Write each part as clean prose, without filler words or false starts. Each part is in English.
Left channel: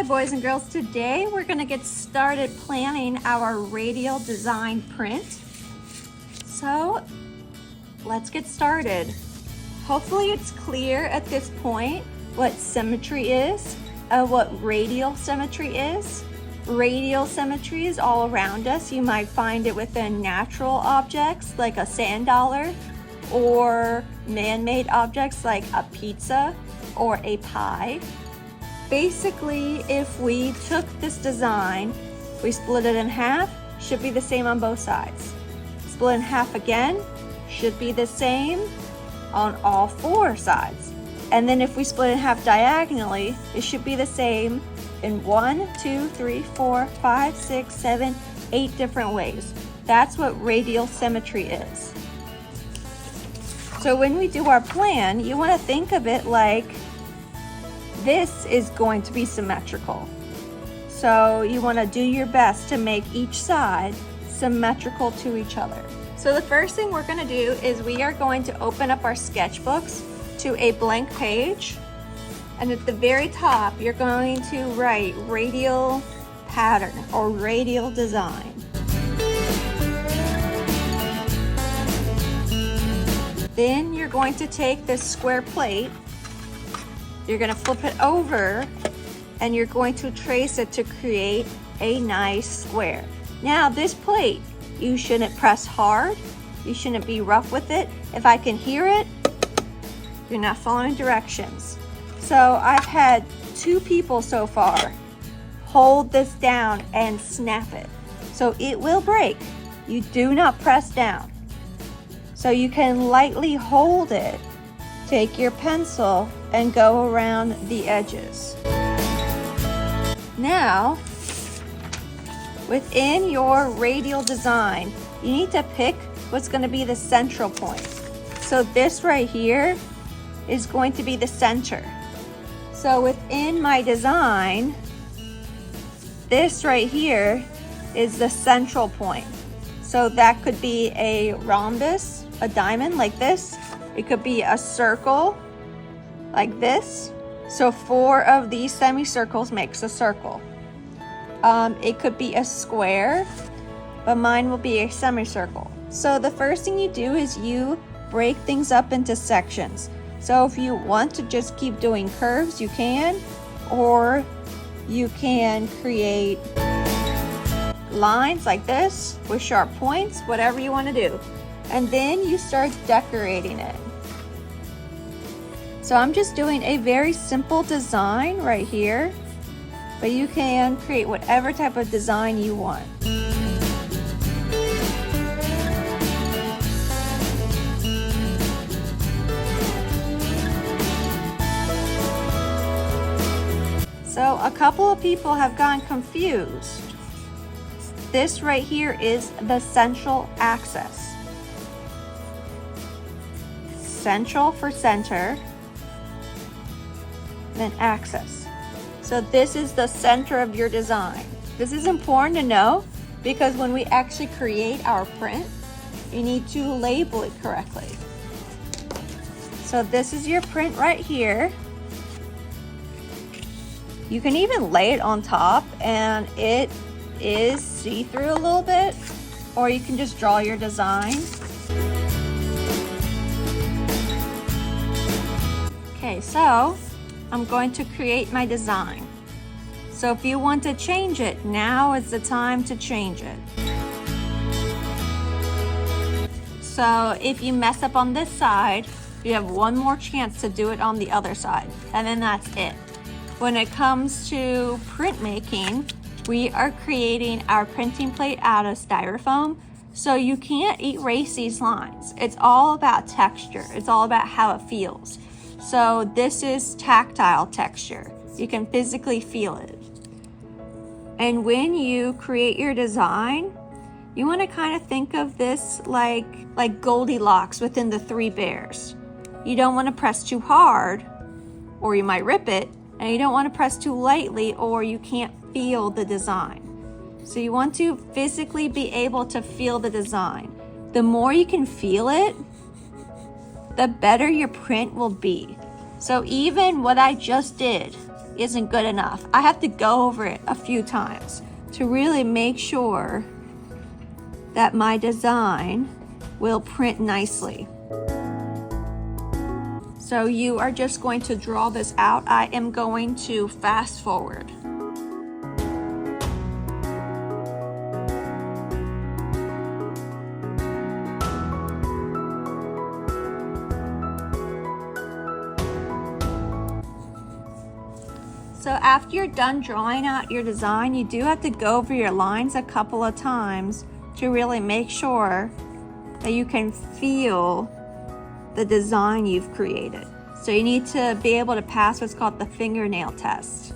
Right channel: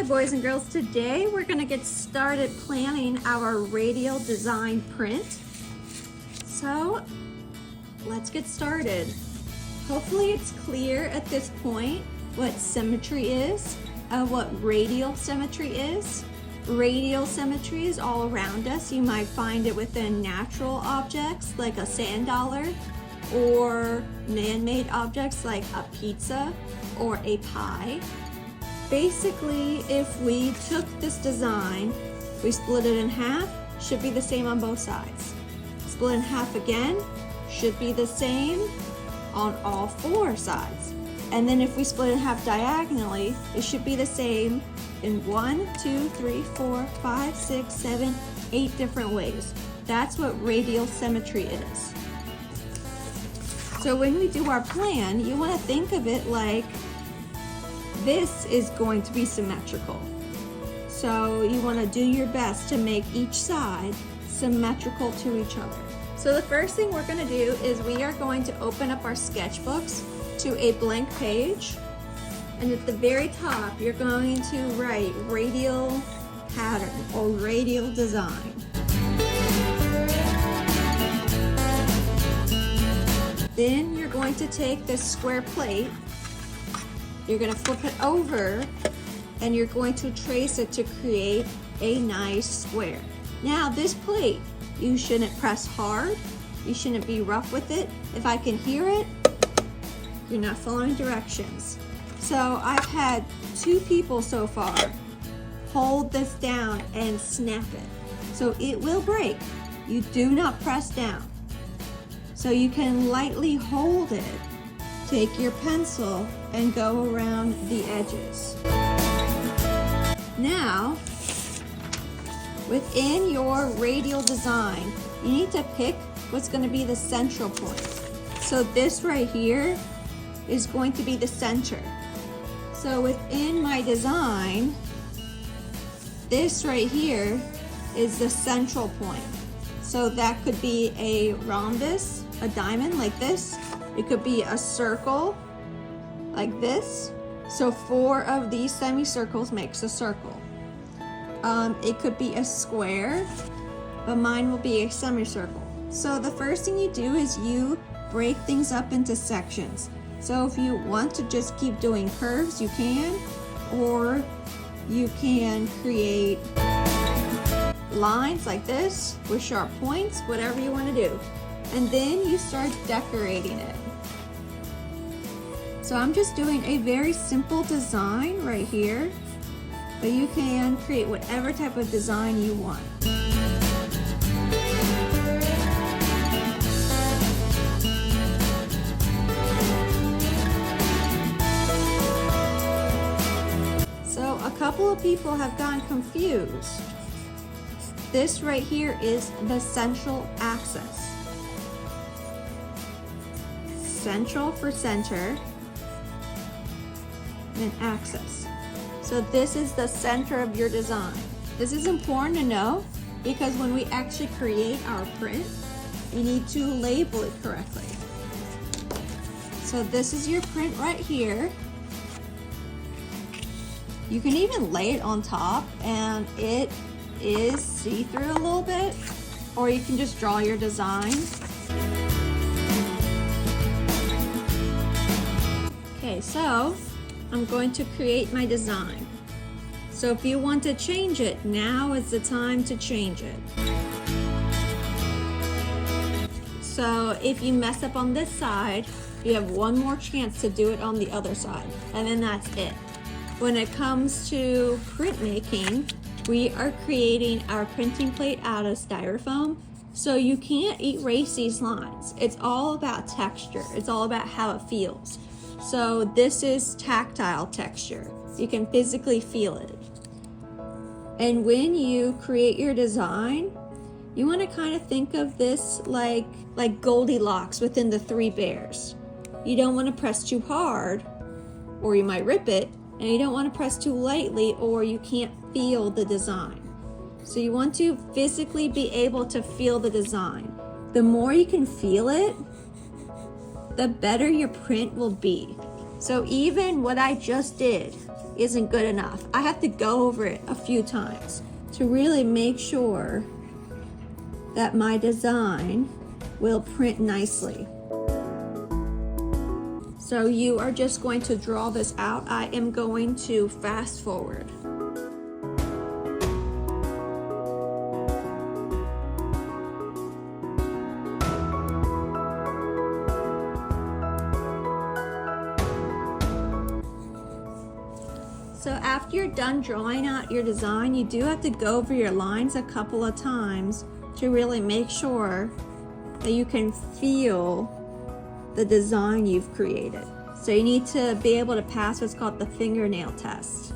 Hi boys and girls, today we're going to get started planning our radial design print. So let's get started. Hopefully it's clear at this point what symmetry is, what radial symmetry is. Radial symmetry is all around us. You might find it within natural objects like a sand dollar, or man-made objects like a pizza or a pie. Basically, if we took this design, we split it in half, should be the same on both sides. Split in half again, should be the same on all four sides. And then if we split in half diagonally, it should be the same in 1, 2, 3, 4, 5, 6, 7, 8 different ways. That's what radial symmetry is. So when we do our plan, you want to think of it like this is going to be symmetrical. So you want to do your best to make each side symmetrical to each other. So the first thing we're going to do is we are going to open up our sketchbooks to a blank page. And at the very top, you're going to write radial pattern or radial design. Then you're going to take this square plate, you're going to flip it over, and you're going to trace it to create a nice square. Now this plate, you shouldn't press hard, you shouldn't be rough with it. If I can hear it, you're not following directions. So I've had 2 people so far hold this down and snap it. So it will break. You do not press down. So you can lightly hold it, take your pencil, and go around the edges. Now, within your radial design, you need to pick what's going to be the central point. So this right here is going to be the center. So within my design, this right here is the central point. So that could be a rhombus, a diamond like this. It could be a circle like this. So 4 of these semicircles makes a circle. It could be a square, but mine will be a semicircle. So the first thing you do is you break things up into sections. So if you want to just keep doing curves, you can, or you can create lines like this with sharp points, whatever you want to do. And then you start decorating it. So I'm just doing a very simple design right here, but you can create whatever type of design you want. So a couple of people have gotten confused. This right here is the central axis. Central for center, then axis. So this is the center of your design. This is important to know because when we actually create our print, you need to label it correctly. So this is your print right here. You can even lay it on top and it is see-through a little bit, or you can just draw your design. Okay, so I'm going to create my design. So if you want to change it, now is the time to change it. So if you mess up on this side, you have one more chance to do it on the other side, and then that's it. When it comes to printmaking, we are creating our printing plate out of styrofoam, so you can't erase these lines. It's all about texture. It's all about how it feels. So this is tactile texture. You can physically feel it. And when you create your design, you want to kind of think of this like Goldilocks within the 3 bears. You don't want to press too hard or you might rip it, and you don't want to press too lightly or you can't feel the design. So you want to physically be able to feel the design. The more you can feel it, the better your print will be. So even what I just did, isn't good enough. I have to go over it a few times to really make sure that my design will print nicely. So you are just going to draw this out. I am going to fast forward. So after you're done drawing out your design, you do have to go over your lines a couple of times to really make sure that you can feel the design you've created. So you need to be able to pass what's called the fingernail test.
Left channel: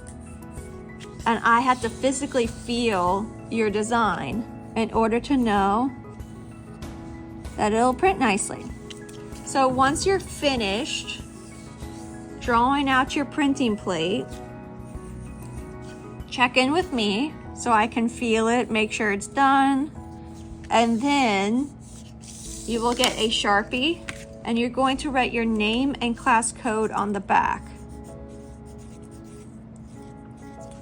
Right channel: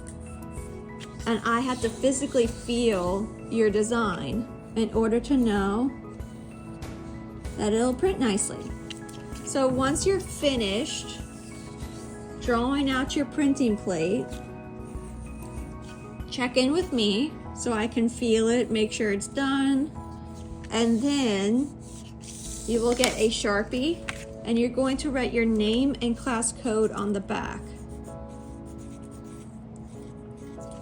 And I have to physically feel your design in order to know that it'll print nicely. So once you're finished drawing out your printing plate, check in with me so I can feel it, make sure it's done. And then you will get a Sharpie and you're going to write your name and class code on the back.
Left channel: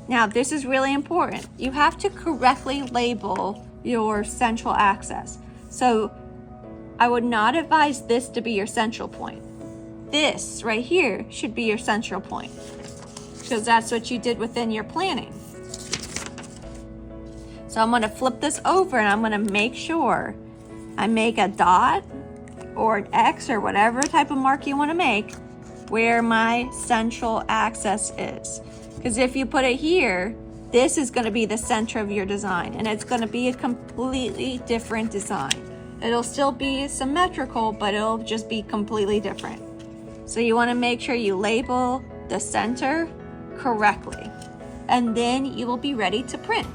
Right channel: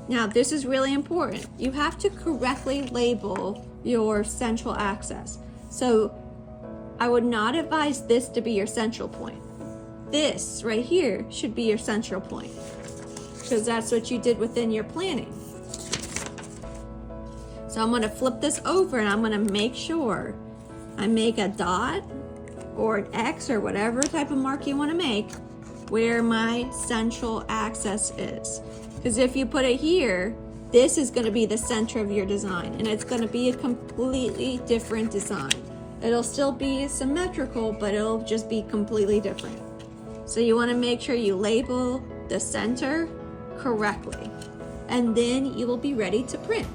Now, this is really important. You have to correctly label your central axis. So I would not advise this to be your central point. This right here should be your central point, because that's what you did within your planning. So I'm gonna flip this over and I'm gonna make sure I make a dot or an X or whatever type of mark you wanna make where my central axis is. Because if you put it here, this is gonna be the center of your design and it's gonna be a completely different design. It'll still be symmetrical, but it'll just be completely different. So you wanna make sure you label the center correctly, and then you will be ready to print.